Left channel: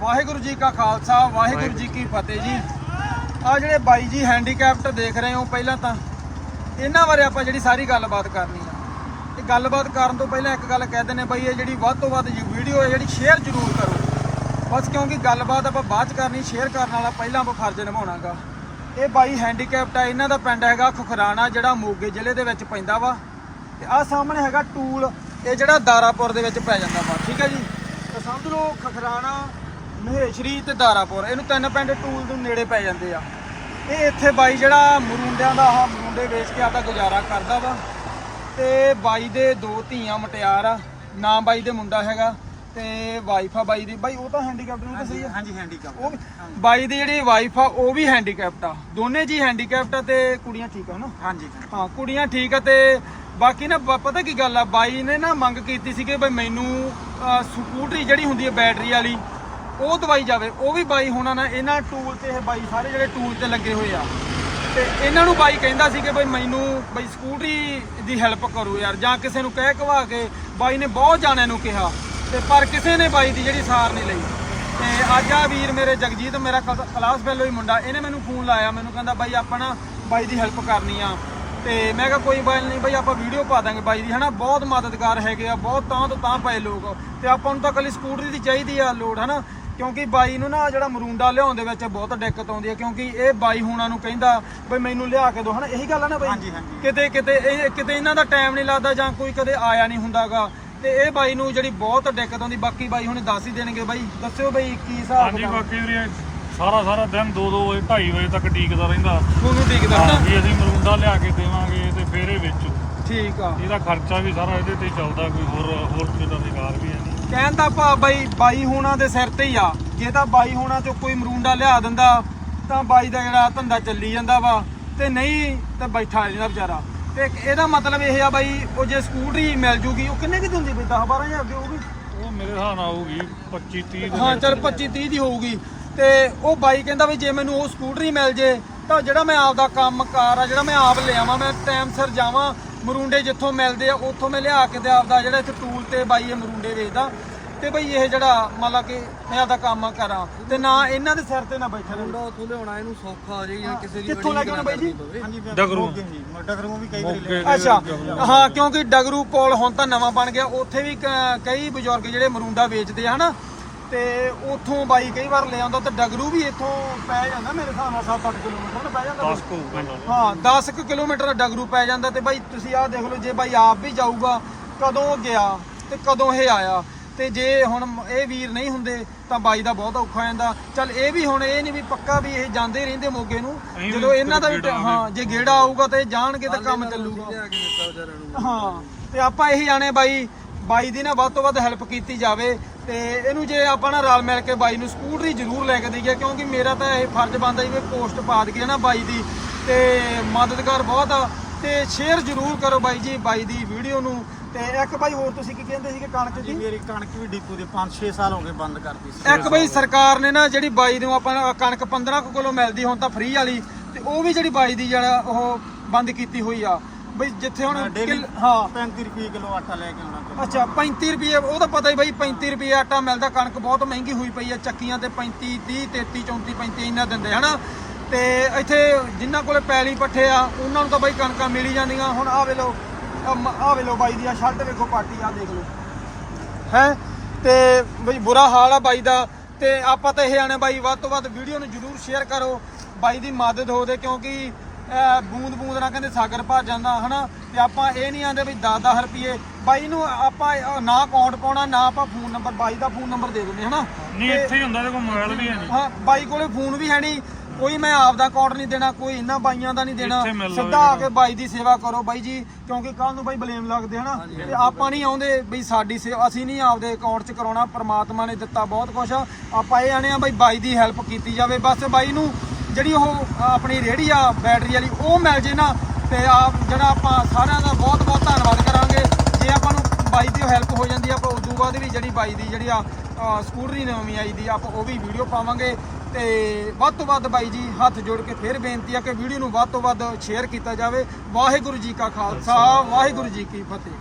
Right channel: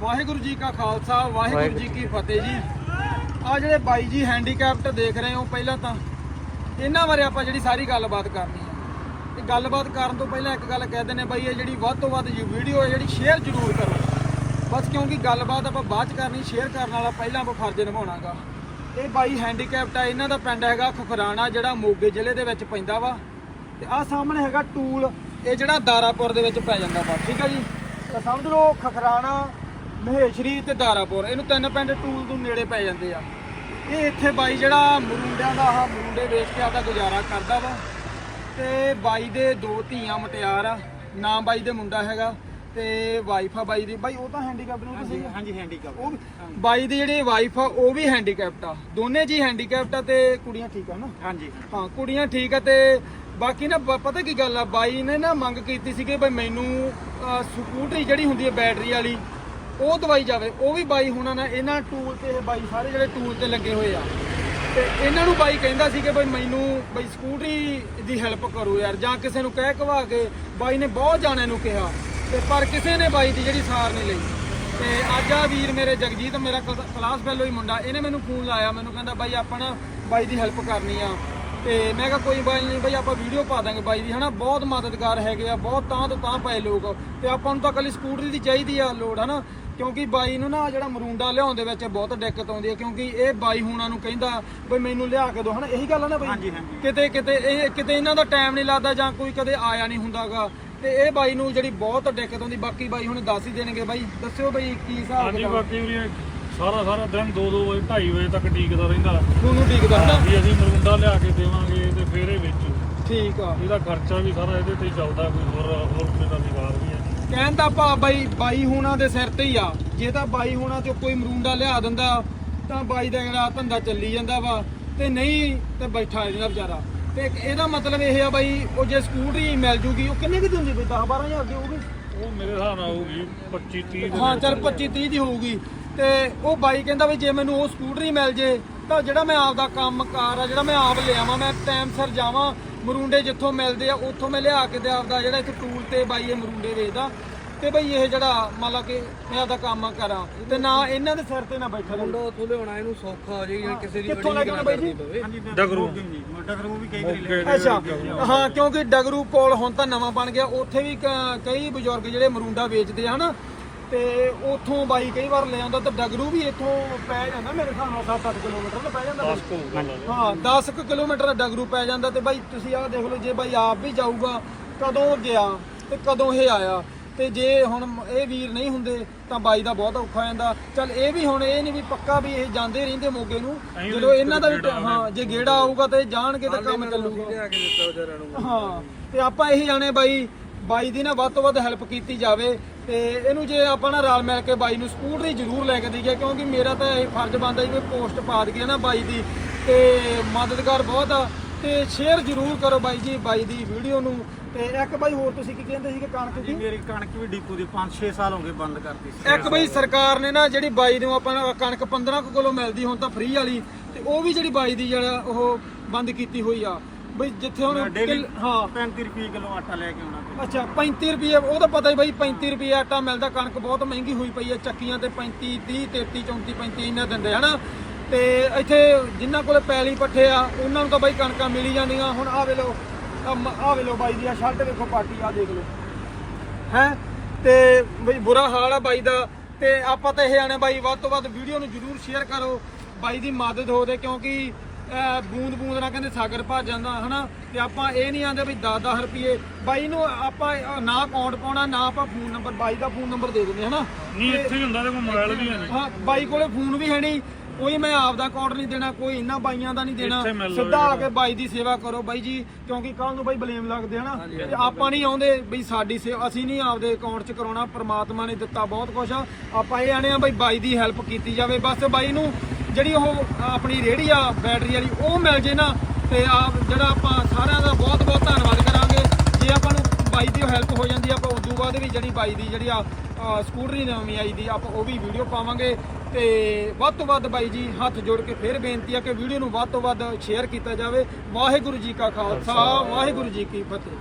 ਵਾਹਿਗੁਰੂ ਜੀ ਕਾ ਖਾਲਸਾ ਵਾਹਿਗੁਰੂ ਜੀ ਕੀ ਫਤਿਹ ਜੀ। ਆ ਜਿਹੜੇ ਬਾਈ ਜੀ ਹੈਂਡੀਕੈਪਟ ਦੇਖ ਰਹੇ ਹੋ ਪਹਿਲਾਂ ਤਾਂ ਇਹਨਾਂ ਬਾਰੇ ਆਪਾਂ ਜਿਹੜੀ ਸਾਰੀ ਗੱਲਬਾਤ ਕਰਨੀ ਹੈ ਤੇ ਗੱਲਬਾਤ ਕਰਨ ਤੋਂ ਪਹਿਲਾਂ ਇੱਕ ਗੱਲ ਕਹਿ ਦਿੰਦੇ ਬਾਈ ਇਹ ਜਿਹੜੀ ਵੱਧ ਤੋਂ ਵੱਧ ਵੀਡੀਓ ਹੈ ਜਿਹੜੀ ਸ਼ੇਅਰ ਜ਼ਰੂਰ ਕਰੋ। ਬਸ ਕਿਉਂਕਿ ਗੱਲਬਾਤ ਆਪਾਂ ਬਾਅਦ ਚ ਕਰਨੀ ਸ਼ੇਅਰ ਕਰਨ ਵਾਲਾ ਪਹਿਲਾਂ ਆਪਾਂ ਫਰਜ਼ ਨਿਭਾਉਣਾਗਾ। ਇਹ ਬਾਈ ਹੈਂਡੀਕੈਪਟ ਆ ਇਹਨਾਂ ਦਾ ਪਿੰਡ ਹੈਗਾ ਖੁਖਰਾਣਾ ਜਿਹੜਾ ਮੋਗੇ ਜ਼ਿਲ੍ਹੇ ਦੇ ਵਿੱਚ ਪੈਂਦਾ ਵਾ। ਤੇ ਆ ਸਾਹਮਣੇ ਹੈਗਾ ਟੂਲ ਇਹ ਜਿਹੜਾ ਦਾਰਾਪੁਰ ਦੇ ਵਿੱਚ ਪੈ ਜਾਂਦਾ ਵਾ ਠੀਕ ਹੈ ਜੀ? ਤਾਂ ਸਮਝ ਲਓ ਖਖਰਾਣਾ ਮਹੇਸ਼ਰੀ ਤੇ ਦਾਰਾਪੁਰ ਇਹਨੂੰ ਤਿੰਨ ਪਿੰਡ ਟੂਲ ਦੇ ਨੇੜੇ ਪੈ ਜਾਂਦੇ ਆ। ਇਹ ਇੱਥੇ ਬਾਈ ਜਿਹੜਾ ਮਰੂੰਡਿਆਂ ਦਾ ਆਹ ਮਰੂੰਡੇ ਵੇਚ ਕੇ ਆਪਦਾ ਗੁਜ਼ਾਰਾ ਕਰਦਾ ਵਾ। ਤੇ ਬਾਈ ਦੇ ਦੋ ਧੀਆਂ ਮਟਿਆਰ ਆ ਨਾਮ ਬਾਈ ਦੇ ਮੁੰਡਾ ਹੈਗਾ ਤੇ ਵਾਈਫ ਆ ਬਾਈ ਦੀ। ਬਾਈ ਉਹ ਤਾਂ ਹੈਂਡੀਕੈਪਟ ਨੂੰ ਤੁਸੀਂ ਹਾਂਜੀ ਹੈਂਡੀਕੈਪ ਉਹ ਵੀ ਬਾਈ ਦੀ ਜਿਹੜੀ ਵਾਈਫ ਆ ਉਹ ਵੀ ਹੈਂਡੀਕੈਪਟ ਆ। ਦੋਨੇ ਜੀ ਹੈਂਡੀਕੈਪਟ ਆ ਤੇ ਕੁੜੀਆਂ ਠੀਕ ਆ ਨਾ ਹਾਂਜੀ ਹਾਂ ਕੁੜੀਆਂ ਠੀਕ ਆ ਤੇ ਬਾਕੀ ਨਾ ਬ- ਪਤਾ ਕੀ ਗੱਲ ਆ? ਬਾਈ ਨੇ ਨਾ ਮੰਗ ਕੀਤੀ ਸੀ ਕਿ ਬਈ ਮੈਨੂੰ ਅਹ, ਸਕੂਟਰੀ ਜਿਹੜੀ ਹੁੰਦੀ ਹੈ ਬੈਟਰੀ ਵਾਲੀ ਉਹ ਦਵਾਈ ਜਾਵੇ, ਉਹ ਵੀ ਬਾਈ ਹੋਣਾ ਨਾ, ਇਹਨਾਂ ਟੂਲ ਤੇ ਇਹ ਬਾਈ ਸਾਰੇ ਜਿਹੜੇ ਟੂਲ ਤੇ ਲੱਗੇ ਹੋਏ ਆ। ਤੇ ਇਹਨਾਂ ਨੂੰ ਬਾਈ ਕਹਿੰਦਾ ਸੀ ਕਿ ਬਈ ਮੈਨੂੰ ਬਈ ਸਕੂਟਰੀ ਦੀ ਹੈਲਪ ਕਰੋ ਯਾਰ, ਜਾਂ ਕਿਸੇ ਨੂੰ ਕਹਿ ਕਵਾ ਕੇ ਬਾਈ ਨੇ ਬਹੁਤ ਜਾਣਿਆਂ ਨੂੰ ਕਿਹਾ, ਤੇ ਪਰ ਕਿਸੇ ਨੇ ਬਾਈ ਦੀ ਜਿਹੜੀ ਸਾਰ ਨਹੀਂ ਲਈ। ਤੇ ਅੱਜ ਆ ਵੀਰ ਮੇਰੇ ਜਗਜੀਤ, ਮੇਰਾ ਕਲਾਸ ਫੈਲੋ ਹੀ ਮੁੰਡਾ, ਇਹਨੇ ਮੈਨੂੰ ਫੋਨ ਲਾਇਆ, ਮੈਨੂੰ ਕਹਿੰਦਾ ਬਾਈ ਆਪਾਂ ਨਾ ਬਾਈ ਦੀ ਹੈਲਪ ਕਰਨੀ ਆ। ਤੇ ਮੈਂ ਕਿਹਾ ਕੋਈ ਬਾਈ ਨਹੀਂ, ਬਾਈ ਆਪਾਂ ਵੀਡੀਓ ਪਾ ਦਾਂਗੇ ਬਾਈ ਦੀ, ਹਨਾ? ਬਹੁਤ ਮਦਦਗਾਰ ਹੈਗੇ ਆ, ਬਹੁਤ ਤਾਂ ਤੋਂ ਤਾਂ ਪਏ ਲੋਕ। ਤੇ ਆਪਾਂ ਨੂੰ ਤਾਂ ਕੱਲੀ ਸਕੂਟਰੀ ਦੀ ਚਾਹੀਦੀ ਆ ਲੋਡ ਹਨਾ? ਕਿਉਂਕਿ ਬਾਈ ਨੂੰ ਨਾ ਜਿਹੜਾ ਮਰੂੰਡਾ ਲਿਆਉਣ ਦੇ ਵਿੱਚ ਬਹੁਤ ਦਿੱਕਤ ਆਉਂਦੀ ਹੈ ਕਿਉਂਕਿ ਇਹ ਬਾਈ ਹੁਣਾਂ ਨੂੰ ਕਹਿੰਦਾ ਬਈ ਮੈਨੂੰ ਲਿਆ ਕੇ ਦਿਓ ਹਨਾ? ਇਹੀ ਗੱਲ ਆ ਨਾ ਬਾਈ? ਹਾਂਜੀ, ਹਾਂਜੀ। ਕਿਤੇ ਕਿਤੇ ਇਹ ਕਿਤੇ ਇਹਨਾਂ ਦਾ ਟਾਈਮ ਨਹੀਂ ਲੱਗਦਾ ਜਾਂ ਕੋਈ ਕਦੇ ਆਇਆ ਨਹੀਂ ਹੁੰਦਾਗਾ। ਤੇ ਇਹ ਬਾਈ ਨੂੰ ਜਿਹੜੀ ਬਹੁਤ ਦਿੱਕਤ ਆਉਂਦੀ ਬਾਕੀ ਬਾਈ ਹੁਣੇ ਦੱਸ ਹੀ ਦੇਣਗੇ ਬਾਈ। ਦੱਸਿਓ ਬਾਈ ਕੀ ਹਿਸਾਬ ਹਾਂਜੀ ਕਿਤਾਬ? ਬਾਕੀ ਵੀਰੇ ਸਾਰਾ ਸਾਰਾ ਦਿਨ 2-2 ਵਜੇ 2:30 ਵਜੇ ਤੱਕ ਡੀਕਦਾ ਰਹਿੰਦਾ। ਤੁਹਾਨੂੰ ਦਿਖਦਾ ਹਨਾ? ਵੀ ਅਸੀਂ ਮਰੂੰਡਾ ਲਿਆ ਕੇ ਦੇਵਾਂਗੇ ਤੇ ਫੇਰ ਵੇਚੋ। ਠੀਕ ਆ। ਇਹਦਾ ਖਰਚਾ ਵੀ ਸਾਰਾ ਇਹਦੇ ਤੇ ਹੀ ਚੱਲਦਾ ਕੋਈ ਹੋਰ ਹੋਰ ਕੋਈ ਦਾ ਨਿਗਾਰ ਵੀ ਹੈ ਕਹਿਣ ਦਾ ਭਾ ਬਾਈ ਬਾਈ ਹੋਣਾ ਦੇ ਸਿਰ ਤੇ ਹੀ ਆ। ਜੇ ਤਾਂ ਬਾਈ ਹੋਣਾ ਚੋਂ ਕੋਈ ਮਰੂੰਡਾ ਲਿਆ ਦਿੰਦਾ ਤਾਂ ਬਾਈ ਦਾ ਜਿਹੜਾ ਧੰਦਾ ਚੱਲੀ ਜਾਂਦਾ ਵਾ। ਤੇ ਨਹੀਂ ਤਾਂ ਬੈਠਾ ਜਾਂਦਾ ਵਿਚਾਰਾ। ਤੇ ਇਹਦਾ ਮਤਲਬ ਇਹ ਆ ਬਾਈ ਉਹ ਜੇ ਸਕੂਟਰੀ ਮਿਲ ਜੂਗੀ ਉਹ ਕਿੰਨੇ ਦੀ ਦਿੰਦੀ ਬਈ 10 12000 ਦੀ ਹੋਊਗੀ? ਉਹ ਮੇਰੇ ਹਿਸਾਬ ਨਾਲ ਹੋਊਗੀ 25 30 ਹਾਂ ਚਲ 25 30 ਦੀ ਹੋਊਗੀ। ਤੇ ਉਹ ਬਾਈ ਕਹਿੰਦਾ ਵੀ ਜੇ ਮੈਨੂੰ ਉਹ ਸਕੂਟਰੀ ਮਿਲ ਜੇ ਤਾਂ ਜਿਹੜਾ ਮੈਂ ਆਪਦਾ ਕੰਮ ਕਾਰ ਆ ਜਿਹੜਾ ਮੈਂ ਆਪ ਲਿਆਵਾਂ ਮੈਂ ਟਾਈਮ ਸਿਰ ਜਾਵਾਂ ਮਰੂੰਡੇ ਜਿੱਥੋਂ ਮਿਲਦੇ ਆ ਉੱਥੋਂ ਮੈਂ ਲਿਆ ਕੇ ਤੇ ਆਪਦਾ ਜਿਹੜਾ ਇੱਥੇ ਟੂਲ ਤੇ ਬਾਈ ਇਹ ਮਰੂੰਡੇ ਵੇਚਦਾ। ਤੇ ਬਈ ਇਹ ਜਿਹੜਾ ਮੰਨ ਲਾ ਕਿ ਮੈਂ ਆਪਦਾ ਕੰਮ ਕਰਾਂ ਤੇ ਨਾ ਇਹਨਾਂ ਦੇ ਸਿਰ ਤੇ ਨਾ ਬੈਠਾ ਮੁੰਡਾ ਉੱਥੋਂ ਲਿਆਉਣਾ ਇਹਨੂੰ ਸੌਖਾ ਜੇ ਕਿਸੇ ਦੀ ਕਿੱਥੋਂ ਲੈ ਕੇ ਆਉਣਾ ਬਾਈ ਜੀ? ਡਗਰੂ। ਮੋਗੇ ਜੀ ਮੈਂ ਡਗਰੂ ਵੀ ਕਈ ਵਾਰੀ ਲੈ ਅੱਛਾ ਹਾਂ ਕਿਉਂਕਿ ਡਗਰੂ ਕੋਲ ਹੁਣ ਤਾਂ ਨਵਾਂ ਬਣ ਗਿਆ ਉੱਥੇ ਵੀ ਕਈ ਬਜ਼ੁਰਗ ਜਿਹੜੇ ਮਰੂੰਡਾ ਵੇਚਦੇ ਆ ਹਨਾ? ਤੇ ਉੱਥੋਂ ਬਾਈ ਕਈ ਵਾਰ ਲੈ ਆਉਂਦਾ ਤੇ ਡਗਰੂ ਵੀ ਇੱਥੋਂ ਪੈ ਜਾਂਦਾ ਮੇਰੇ ਹਿਸਾਬ ਨਾਲ 7-8 ਕਿਲੋਮੀਟਰ ਨਾ ਪੈ ਜਾਂਦਾ ਬਾਈ। 10 ਕੋਲ ਹਾਂ 10 ਕੁ ਕਿਲੋਮੀਟਰ ਡਗਰੂ ਪੈ ਜਾਂਦਾ ਤੇ ਬਾਈ ਤੁਸੀਂ ਆਹ ਦੇਖ ਲਓ ਜੇ ਬਾਈ ਆਪ ਵੀ ਜਾਊਗਾ ਕਦੋਂ ਗਿਆ ਤੇ ਕਦੋਂ ਇਹ ਆਇਆ ਤੇ ਜੇ ਹੁਣ ਇਹ ਵੀਰ ਨਹੀਂ ਹੁੰਦੇ ਤਾਂ ਬਾਈ ਦਾ ਬਹੁਤ ਔਖਾ ਹੋ ਜਾਂਦਾ। ਚੱਲ ਇਹ ਵੀ ਹੁਣ ਇਹ ਨਹੀਂ ਵੀ ਪੱਕਾ ਵੀ ਇਹ ਜਾਂਦੇ ਰਹਿੰਦੇ ਮੋਗੇ ਨੂੰ ਵੀ ਜਦੋਂ ਇਹਨਾਂ ਦਾ ਵੀ ਹਾਂ ਜੇ ਗੇੜਾ ਆਊਗਾ ਤੇ ਜਾਣਗੇ ਤਾਂ ਕੰਮ ਚੱਲੂਗਾ। ਹਾਂ ਤੇ ਆਪਾਂ ਇਹੀ ਜਾਣੇ ਬਾਈ ਬਾਈ ਦੀ ਨਾ ਵੱਧ ਤੋਂ ਵੱਧ ਹੈਲਪ ਕੀਤੀ ਜਾਵੇ ਤੇ ਇਹਨੂੰ ਜੇ ਆਪਾਂ ਨਾ ਰਲ ਮਿਲ ਕੇ ਬਾਈ ਨੂੰ ਸਕੂਟਰੀ ਜ਼ਰੂਰ ਲੈ ਕੇ ਦਈਏ ਕਿਉਂਕਿ ਮੇਰਾ ਤਾਂ ਇਹ ਫਰਜ਼ ਬਣਦਾ ਜੀ ਵੀ ਪੋਸਟ ਪਾ ਦਈਏ ਨਾ ਬਾਈ ਦੀ ਤੇ ਮਦਦਗਾਰ ਬਹੁਤ ਆ। ਤੇ ਸ਼ੇਅਰ ਜ਼ਰੂਰ ਕਰੋ ਬਾਈ ਜੀ ਬਾਈ ਦੀ ਵੀਡੀਓ ਨੂੰ। ਤੇ ਇੱਕ ਬਾਈ ਹੋਰ ਤੁਸੀਂ ਕੀ ਕਹਿੰਦੇ ਸੀ ਕਿ ਕਣਕ ਦੀ? ਮੇਰੀ ਕਣਕ ਵੀ ਡਿਪੂ ਦੀ 5-6 ਸਾਲ ਹੋ ਗਏ ਬੰਦ ਕਰਤੀ ਸੀ। ਇੱਕ ਬਈ ਸਰਕਾਰ ਨੇ ਨਾ ਜਿਹੜੀ ਬਾਈ ਨੂੰ ਆਪਾਂ ਕਣਕ 15 ਕੁ ਕਿਲੋ ਮਿਲਦੀ ਹੁਣ ਤਾਂ ਫ੍ਰੀ ਵਾਲੀ ਤੇ ਉਹ ਵੀ ਜਿਹੜੀ ਬਾਈ ਦੀ ਜਿਹੜਾ ਉਹ ਬੰਦ ਕੀਤੀ ਹੋਈ ਆ। ਬਈ ਜਿੱਥੇ ਹੁਣ ਡੇਲੀ ਕਿੱਲ- ਹਾਂ। 35 ਰੁਪਏ ਕਿਲੋ ਆਟਾ ਲੈ ਕੇ ਆਉਣਾ ਪੈਂਦਾ। ਅੱਛਾ 35 ਰੁਪਏ ਉਹ ਤਾਂ ਪਤਾ ਹੀ ਬਾਈ 35 ਰੁਪਏ ਆਟਾ ਮਿਲਦਾ ਕਣਕ ਬਹੁਤ ਮਹਿੰਗੀ ਹੋਈ ਪਈ ਹੈ ਚੱਕੀਆਂ ਤੇ 35 30 33 34 35 ਇੰਨਾ ਦਿੰਦੇ ਹਨਾ? ਤੇ ਇੱਥੇ ਜਿਨ੍ਹਾਂ ਕੋਲੇ ਪੈਲੀ ਪੱਠੇ ਆ ਉਹਨਾਂ ਨੂੰ ਤਾਂ ਬਾਈ ਕਣਕਾਂ ਮਿਲ ਹੀ ਜਾਂਦੀਆਂ। ਹੁਣ ਆ ਵੇਲੋ ਆ ਵੇਲੋ ਬਾਈ ਦੀ ਆ ਸ਼ਰਟ ਵੇਖੋ ਪਾਟੀ ਆ ਦੇਖ ਲਓ। ਹੈ? ਤੇ ਬਈ ਬੁਰਾ ਹਾਲ ਆ ਬਾਈ ਦਾ। ਤੇ ਆਪਾਂ ਤਾਂ ਇਹ ਆਣੇ ਬਾਈ ਵੱਧ ਤੋਂ ਵੱਧ ਵੀਡੀਓ ਨੂੰ ਜਰੂਰ ਸ਼ੇਅਰ ਕਰੋ। ਬਾਈ ਦੀ ਮਦਦ ਹੋਵੇ ਕਿਉਂਕਿ ਬੂੰਦ ਬੂੰਦ ਨਾਲ ਕਹਿੰਦੇ ਸਾਗਰ ਭਰ ਜਾਂਦਾ ਹਨਾ? ਤੇ ਆਪਾਂ ਇਹ ਨਹੀਂ ਆਂਦੇ ਵੀ 10-10 ਰੁਪਏ ਬਾਈ ਨੂੰ ਆਪਾਂ ਨਾ ਅਕਾਊਂਟ ਪਾਉਣਾ ਨਾ ਆਪਾਂ ਫੋਨ ਨੰਬਰ ਬਾਈ ਦਾ ਫੋਨ ਨੰਬਰ ਦੇ ਦਿੰਦੇ ਹਨਾ? ਨਹੀਂ ਇੱਥੇ ਹੀ ਹੁੰਦਾ ਕੋਲ ਮੋਬਾਈਲ ਵੀ ਹੈ ਨਹੀਂ। ਹਾਂ ਬਾਈ ਕੋਲੇ ਫੋਨ ਵੀ ਹੈ ਨਹੀਂ। ਕੋਈ ਮੈਂ ਆਪ ਦਾ ਅਕਾਊਂਟ ਨਹੀਂ ਦੇਣਾ ਕੋਈ ਇਹਨਾਂ ਬਾਈਆਂ ਦਾ ਨਹੀਂ ਦੇਣਾ। ਸਿੱਧਾ ਆ ਕੇ ਬਾਈ ਦੀ ਸੇਵਾ ਕਰੋ ਬਾਈ ਜੀ ਕਿਉਂਕਿ ਕੱਲ ਨੂੰ ਬਾਈ ਬਲੇਮ ਲੱਗਦੇ ਹਨਾ? ਤੇ ਆਪਾਂ ਨਹੀਂ ਆਉਂਦੇ ਬਈ ਸਾਡੀ ਸੇਵਾ ਅਸੀਂ ਨਹੀਂ ਆਪਦੇ ਅਕਾਊਂਟ 'ਚ ਕਰਾਉਣਾ ਪ੍ਰਮਾਤਮਾ ਨੇ ਦਿੱਤਾ ਬਹੁਤ ਕੁਝ ਆਪਾਂ ਇਹ ਆਣੇ ਆ ਬਈ ਬਾਈ ਦੀ ਹੈਲਪ ਕੀਤੀ ਜਾਵੇ। ਬਸ ਬਾਈ ਨੂੰ ਜਿਹੜੀ ਉਹ ਆਪਣੀ ਰੇਹੜੀ ਆ ਬੈਟਰੀ ਵਾਲੀ ਉਹ ਮਿਲ ਜੇ ਨਾ ਤੇ ਆਪ ਜਿਹੜਾ ਆਪਾਂ ਸਾਰਿਆਂ ਦਾ ਬਹੁਤ ਬਹੁਤ ਧੰਨਵਾਦ ਕਰਾਂਗੇ। ਜੇ ਆਪਾਂ ਨੂੰ ਬਾਈ ਦੀ ਹੈਲਪ ਹੋ ਜਾਂਦੀ ਆ ਆਪਾਂ ਉਦੋਂ ਬਾਅਦ ਵੀ ਜਿਹੜੀ ਬਾਈ ਦੀ ਜਿਹੜੀ ਆ ਸਕੂਟਰੀ ਨਵੀਂ ਆਈ ਦੀ ਆਪਾਂ ਉਹ ਵੀ ਵੀਡੀਓ ਪਾਵਾਂਗੇ। ਤੇ ਵੱਧ ਤੋਂ ਵੱਧ ਬਾਈ ਜੀ ਹੱਥ ਜੋੜ ਕੇ ਫਿਰ ਬੇਨਤੀ ਆ ਕਿ ਵੀਡੀਓ ਨੂੰ ਵੱਧ ਤੋਂ ਵੱਧ ਸ਼ੇਅਰ ਕੀਤਾ ਜਾਵੇ। ਵਾਹਿਗੁਰੂ ਜੀ ਕਾ ਖਾਲਸਾ ਵਾਹਿਗੁਰੂ ਜੀ ਕੀ ਫਤਿਹ।